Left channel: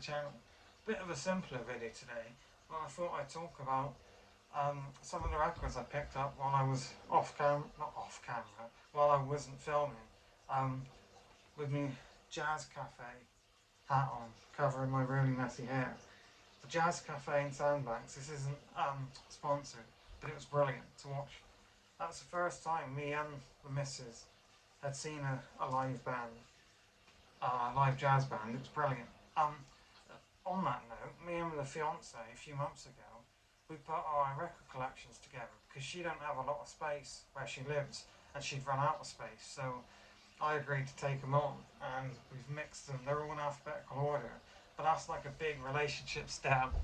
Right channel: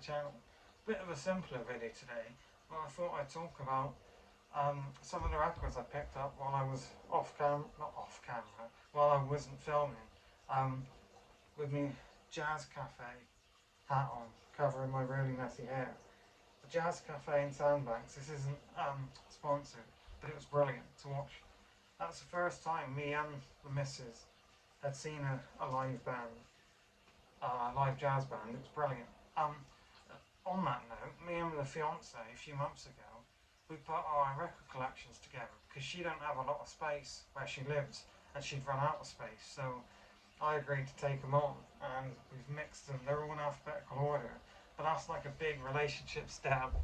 channel. Bit of a simpler video today, but I thought I'd talk about some of the records I picked up while I was not off camera, while I wasn't filming, with me Jazz Cafe hat on, covering my really messy hair. The Jazz Cafe in Sandbanks, this isn't sponsored, but it was brilliant to watch. That's the first time me and the missus had seen a live band, a live jazz band. It was brilliant. On that note, me and the fiance a few months ago, we put our record collections together because she don't have a lot of space where she lives and she'd run out of space. So I agreed to take them on and we've mixed them. They're all in alphabetical order, but that's like a big relationship step,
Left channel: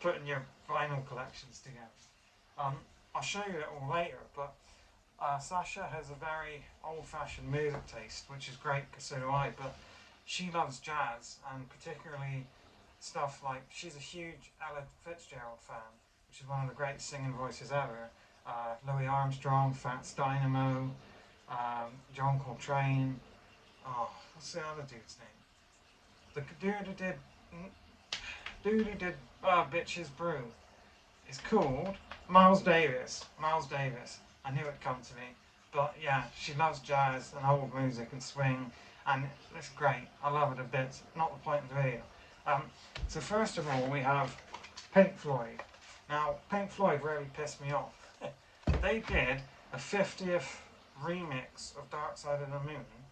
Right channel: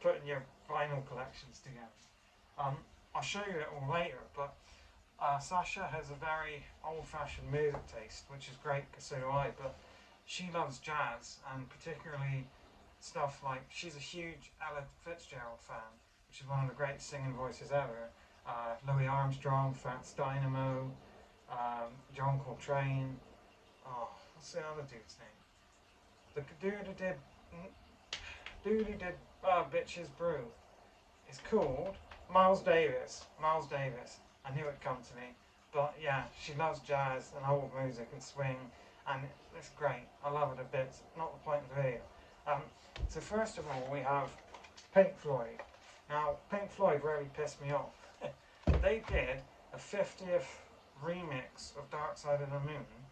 putting your vinyl collections together. I'll show you it all later, but Sasha has a very old-fashioned music taste, which is great because so do I, but she loves jazz, and particularly stuff like, she's a huge Ella Fitzgerald fan, which is one of the great singing voices ever. Louis Armstrong, Fats Dynamo, John Coltrane, what's the other dude's name? The dude who did Bitches Brew. It's called Miles Davis. Miles Davis. I knew it'd come to me. But yeah, she loves jazz and old music and swing, and it's great. I love it a bit. Not the point of the video. So first of all, we have Pink Floyd. Now, Pink Floyd really pissed me off. They did a 50th remix of Dark Side of the Moon,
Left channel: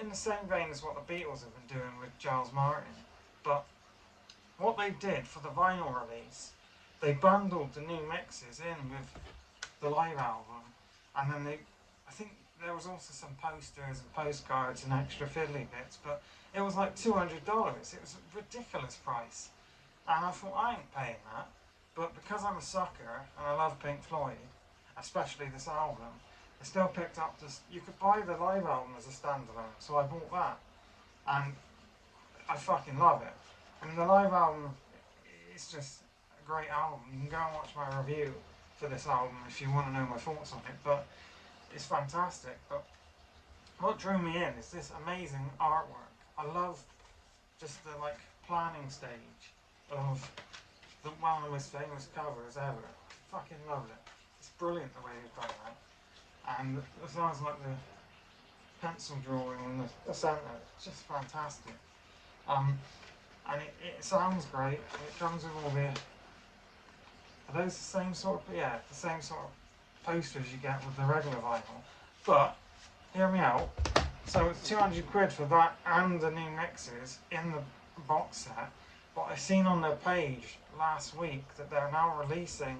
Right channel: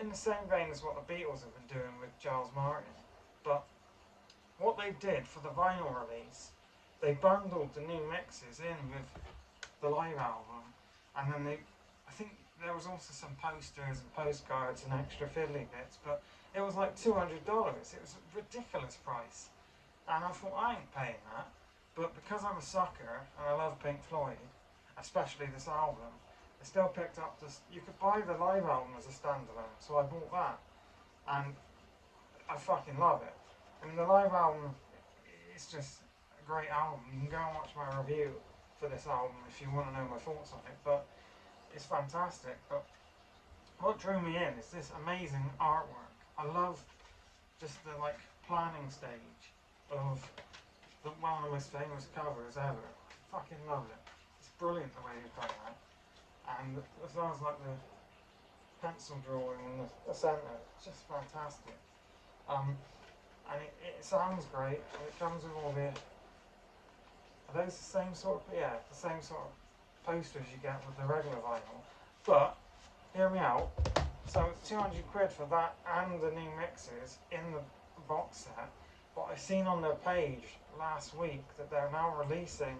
in the same vein as what the Beatles have been doing with Giles Martin. But what they did for the vinyl release, they bundled the new mixes in with the live album, and then I think there was also some posters and postcards and extra fiddly bits, but it was like $200. It was a ridiculous price, and I thought, I ain't paying that. But because I'm a sucker and I love Pink Floyd, especially this album, I still picked up this. You could buy the live album as a standalone, so I bought that, and I fucking love it. And the live album, it's just a great album. You can go and watch my review for this album if you want to know my thoughts on it, but it's fantastic. But what drew me in is this amazing artwork. I love just the planning stage of one of the most famous covers ever. I fucking love it. It's brilliant the way they've done that. And as well as like the pencil drawing in the centre, it's just fantastic. And it sounds great, and it comes with all the, are those the same sort of, yeah, the same sort of posters you get with the regular vinyl. But, hear me out, so it's 200 quid for that and the new mixes in the box set, but I've seen on their page last week that they're now releasing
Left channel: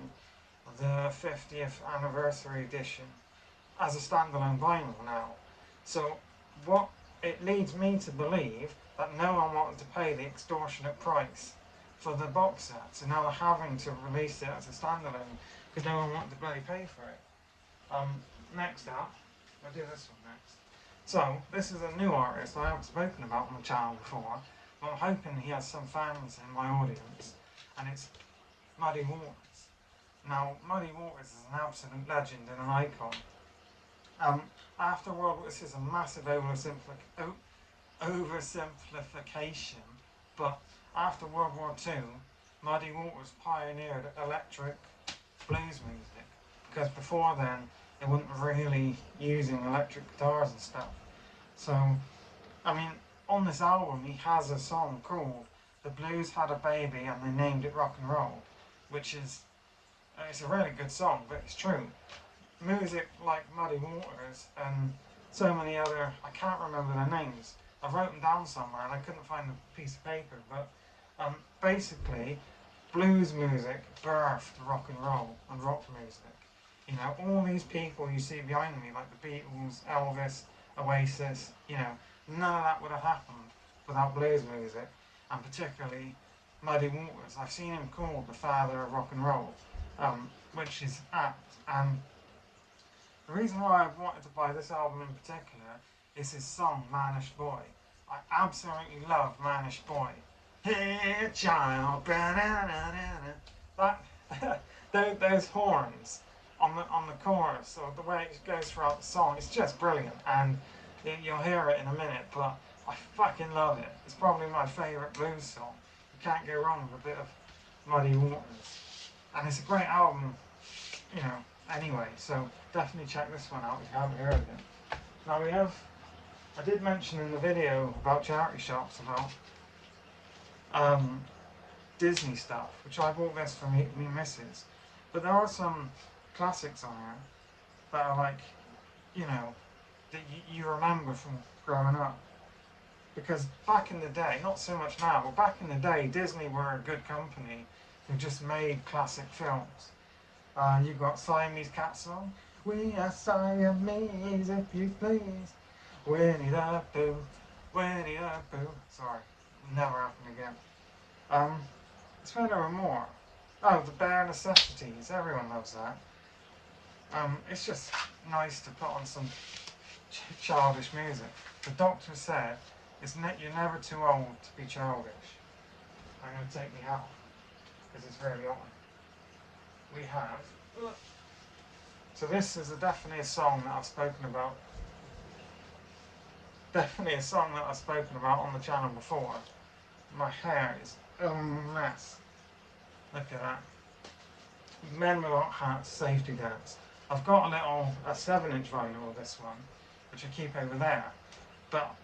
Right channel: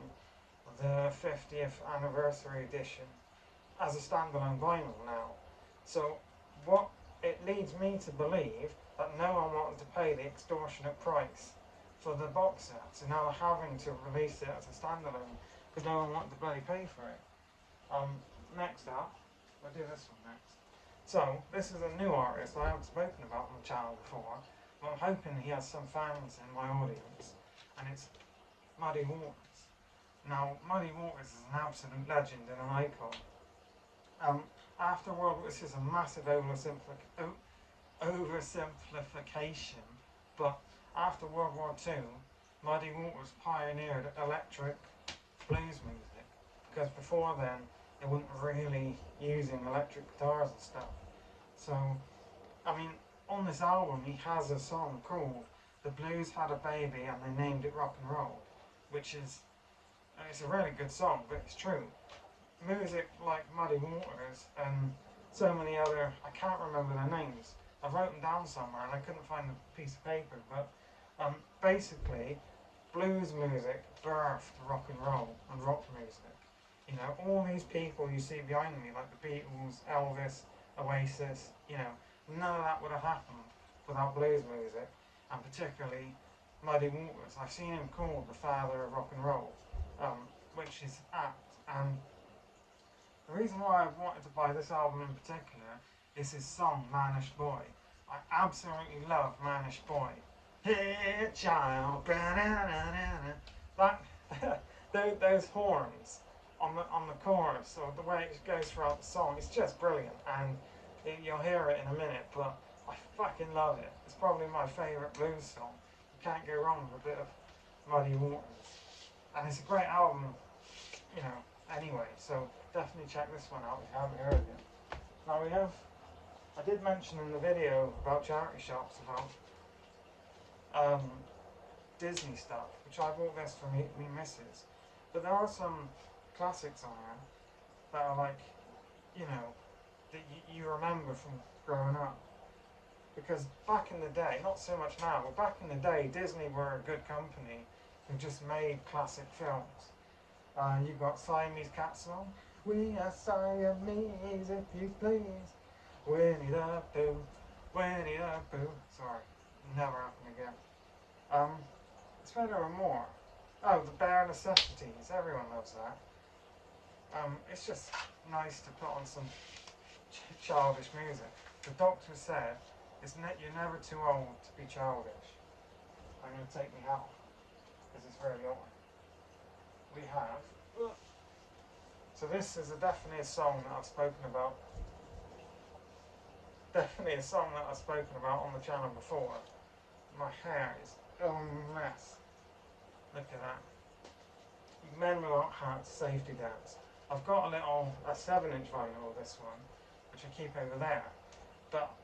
the 50th anniversary edition as a standalone vinyl now. So what it leads me to believe that no one wanted to pay the extortionate price for the box set, so now they're having to release it as a standalone because no one wanted to bloody pay for it. Next up, I'll do this one next. So this is a new artist I haven't spoken about on the channel before, but I'm hoping he has some fans in my audience, and it's Muddy Waters. Now, Muddy Waters is an absolute legend and an icon. After World War, this is a massive oversimplification, but after World War II, Muddy Waters pioneered electric blues music, because before then they weren't really using electric guitars and stuff. So, I mean, on this album he has a song called The Blues Had a Baby and They Named It Rock and Roll, which is, it's a really good song, but it's true. Music like Muddy Waters and so many other, I can't remember their names, I wrote them down somewhere and I couldn't find a piece of paper, but basically blues music birthed rock and roll and rock music. You know, all these people you see behind me, like the Beatles, Elvis, Oasis, you know, none of that would have happened without blues music, and particularly Muddy Waters. I've seen him called the father of rock and roll, which is apt. And the reason why I wanted to buy this album in particular is his song, Mannish Boy. I absolutely love Mannish Boy. Hey child, that, those horns on the chorus, or the way it goes throughout the song, it's just brilliant, and you'll hear it in a minute, but I fucking love it. It's probably my favourite blues song. can't go wrong with a bit of Muddy Waters. And it's a great album, you know, anyway, so definitely check this one out if you haven't heard it. Now we have, I did mention in the video about charity shops about Disney stuff, which I bought this for me missus. But there are some classics on here that are like, you know, that you remember from growing up. Because back in the day, not so much now, but back in the day, Disney were a good company who just made classic films. You got Siamese Cat song. We are Siamese, if you please. Winnie the Pooh, Winnie the Pooh. Sorry, never happen again. It's where there were more. Oh, the Bare Necessities. Everyone loves that. It's just nice to put on some childish music. The doctor said, you're never too old to be childish. I'm going to take me out because it's very on. We have. So this is definitely a song that I've spoken about. Definitely a song that I've spoken about on the channel before. My hair is a mess. Look at that. Men Without Hats, Safety Dance. I've got a 7-inch vinyl of this one, which I keep over there. But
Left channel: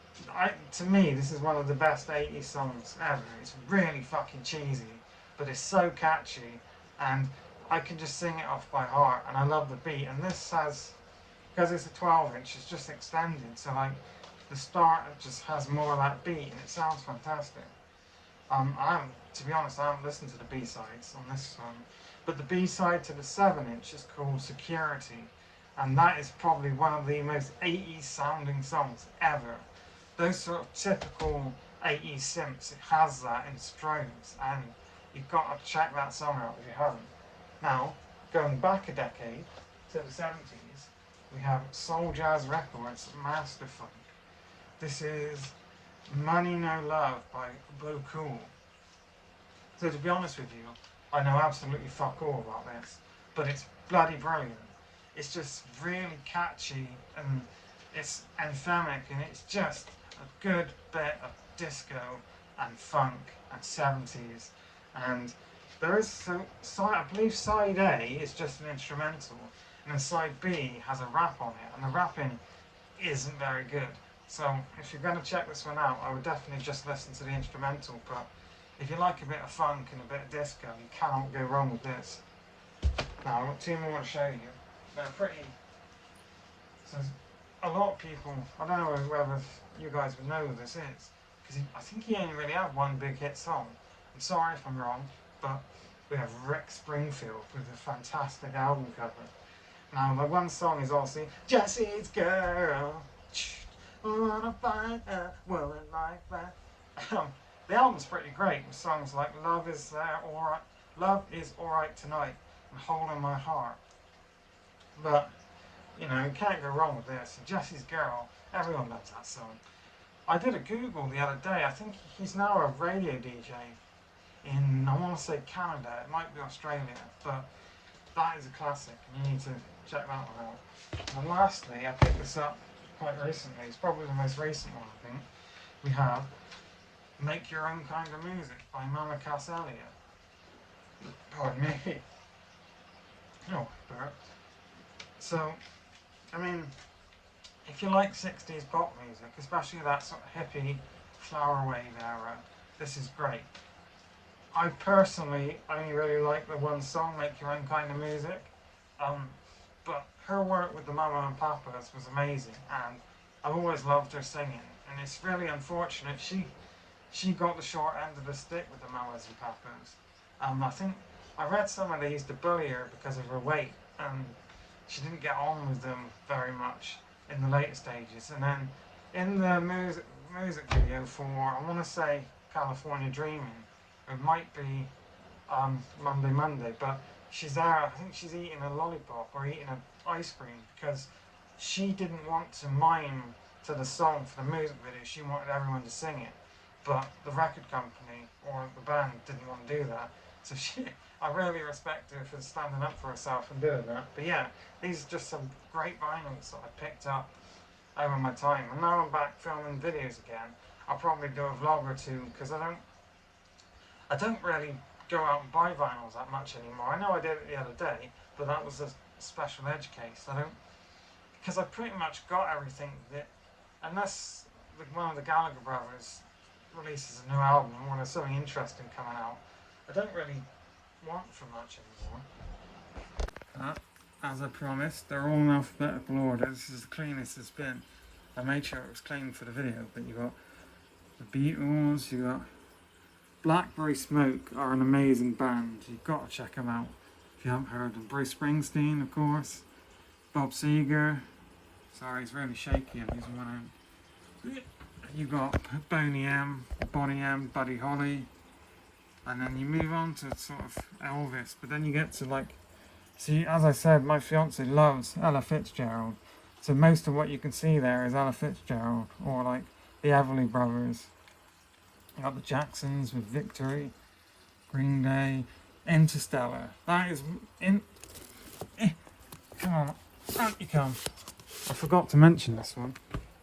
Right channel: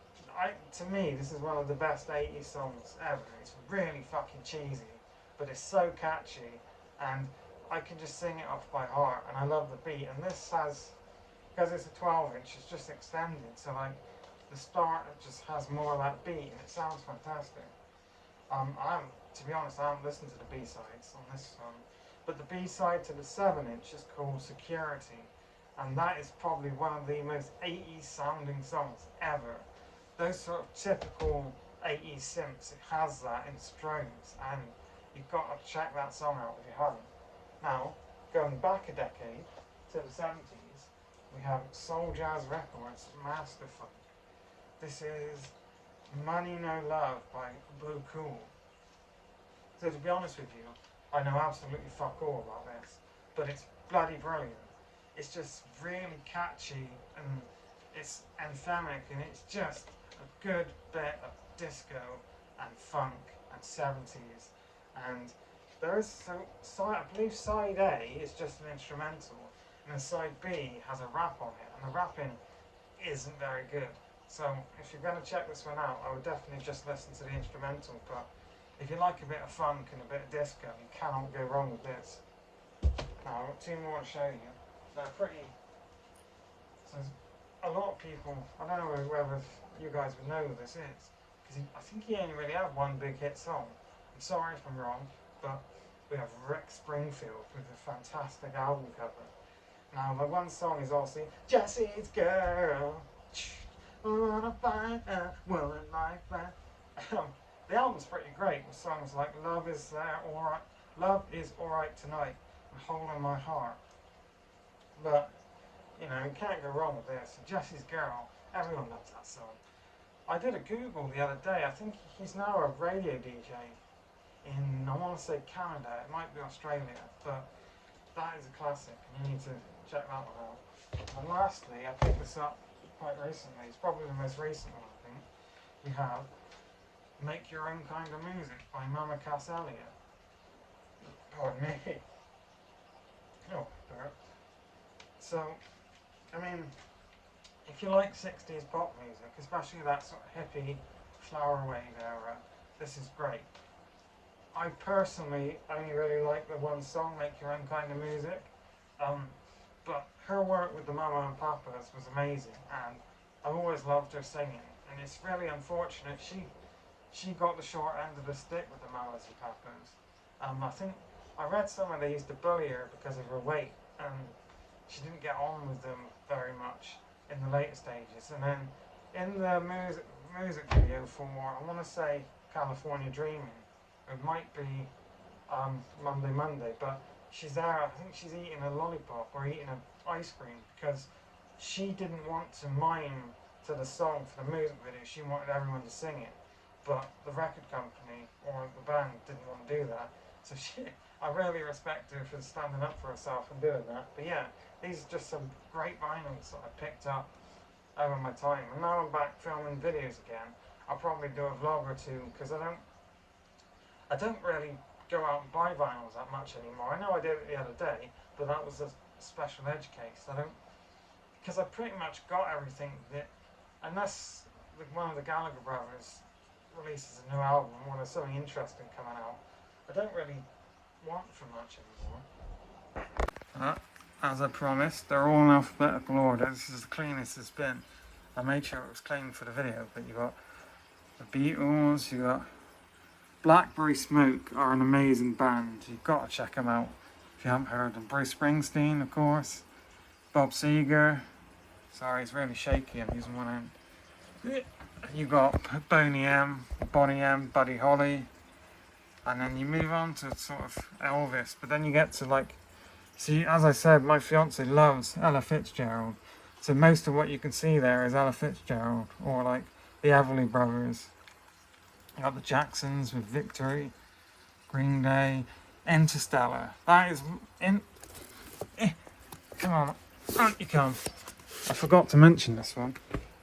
to me, this is one of the best 80s songs ever. It's really fucking cheesy, but it's so catchy, and I can just sing it off by heart, and I love the beat. And this has, because it's a 12-inch, it's just extended, so like the start just has more of that beat, and it sounds fantastic. To be honest, I haven't listened to the B-sides on this song, but the B-side to the 7-inch is called Security, and that is probably one of the most 80s sounding songs ever. Those sort of typical 80s synths, it has that in strobes, and you've got to check that song out if you haven't. Now, going back a decade to the 70s, we have Soul Jazz Records, Master Funk. This is Money No Love by Blue Cool. So to be honest with you, I know absolutely fuck all about this, but it's bloody brilliant. It's just really catchy, and it's anthemic, and it's just a good bit of disco and funk and 70s. And there is I believe side A is just an instrumental, and then side B has a rap on it, and the rapping isn't very good. So if you're going to check this one out, I would definitely just listen to the instrumental, but if you like a bit of funk and a bit of disco, you cannot go wrong with this. Now I've got two more to show you. They're pretty. So a lot of people, I don't know whether you guys would know who this is, because I think he only really had one big hit song. I'm sorry if I'm wrong, but we have Rick Springfield with a fantastic album cover. Now the one song is obviously Jesse's Girl. I wanna find a woman like that. The album's pretty great with songs like Love Is Alright Tonight and Hole in My Heart. But, you know, you can't go wrong with this. Jesse's Girl, everyone loves that song. I did a Google the other day. I think he's now a radio DJ in, I want to say Canada. It might be Australia, but that is a classic, and you need to check that one out. And lastly, I picked this up quite recently. It's probably the most recent one, I think. We have Make Your Own Kind of Music by Mama Cass Elliot. Pardon me. Oh, burped. So, I mean, if you like 60s pop music, especially that sort of hippie flower wave era, this is great. I personally only really like the one song, Make Your Own Kind of Music, but her work with the Mama and Papas was amazing, and I've always loved her singing, and it's really unfortunate she got the short end of the stick with the Mamas and Papas. I think I read somewhere they used to bully her because of her weight, and she didn't get on with them very much in the later stages. And then in the music video for, I want to say California Dreaming, it might be Monday, but she's there, I think she's eating a lollipop or eating an ice cream because she didn't want to mime to the song for the music video. She wanted everyone to sing it, but the record company or the band didn't want to do that. So I really respect her for standing up for herself and doing that. But yeah, these are just some great vinyls that I picked up over my time, and now I'm back filming videos again. I'll probably do a vlog or two because I don't really go out and buy vinyls that much anymore. I know I did it the other day, but that was a special edge case. I don't, because I pretty much got everything that, unless one of the Gallagher brothers releases a new album when there's something interesting coming out, I don't really want for much anymore. As I promised, they're all in alphabetical order. This is the cleanest it's been. I made sure it was clean for the video, but you got the Beatles, you got Blackberry Smoke are an amazing band. You've got to check them out if you haven't heard them. Bruce Springsteen, of course. Bob Seger. Sorry, it's really shaky. I'm using one hand. You got Boney M, Buddy Holly, and then you move on to sort of Elvis. But then you get to like, see, as I said, my fiance loves Ella Fitzgerald. So most of what you can see there is Ella Fitzgerald, or like the Everly Brothers. You got the Jacksons with Victory, Green Day, Interstellar. That is come on, out you come. I forgot to mention this one.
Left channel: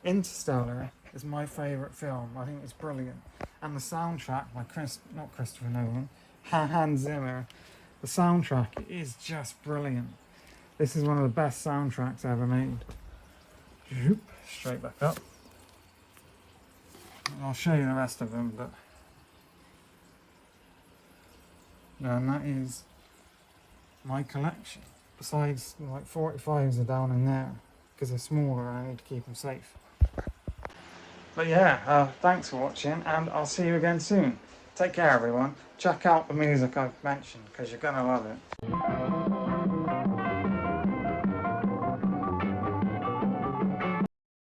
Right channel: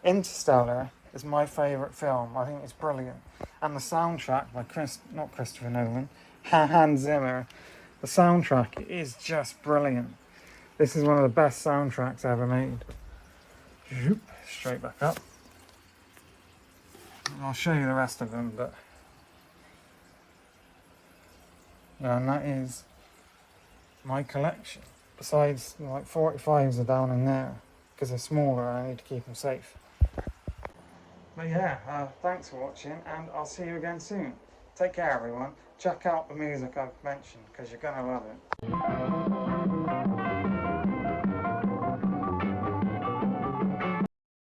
Interstellar is my favourite film. I think it's brilliant. And the soundtrack by not Christopher Nolan, Hans Zimmer. The soundtrack is just brilliant. This is one of the best soundtracks ever made. Straight back up. I'll show you the rest of them, but yeah, and that is my collection. Besides, like 45s are down in there because they're smaller and I need to keep them safe. But yeah, thanks for watching, and I'll see you again soon. Take care, everyone. Check out the music I've mentioned because you're gonna love it.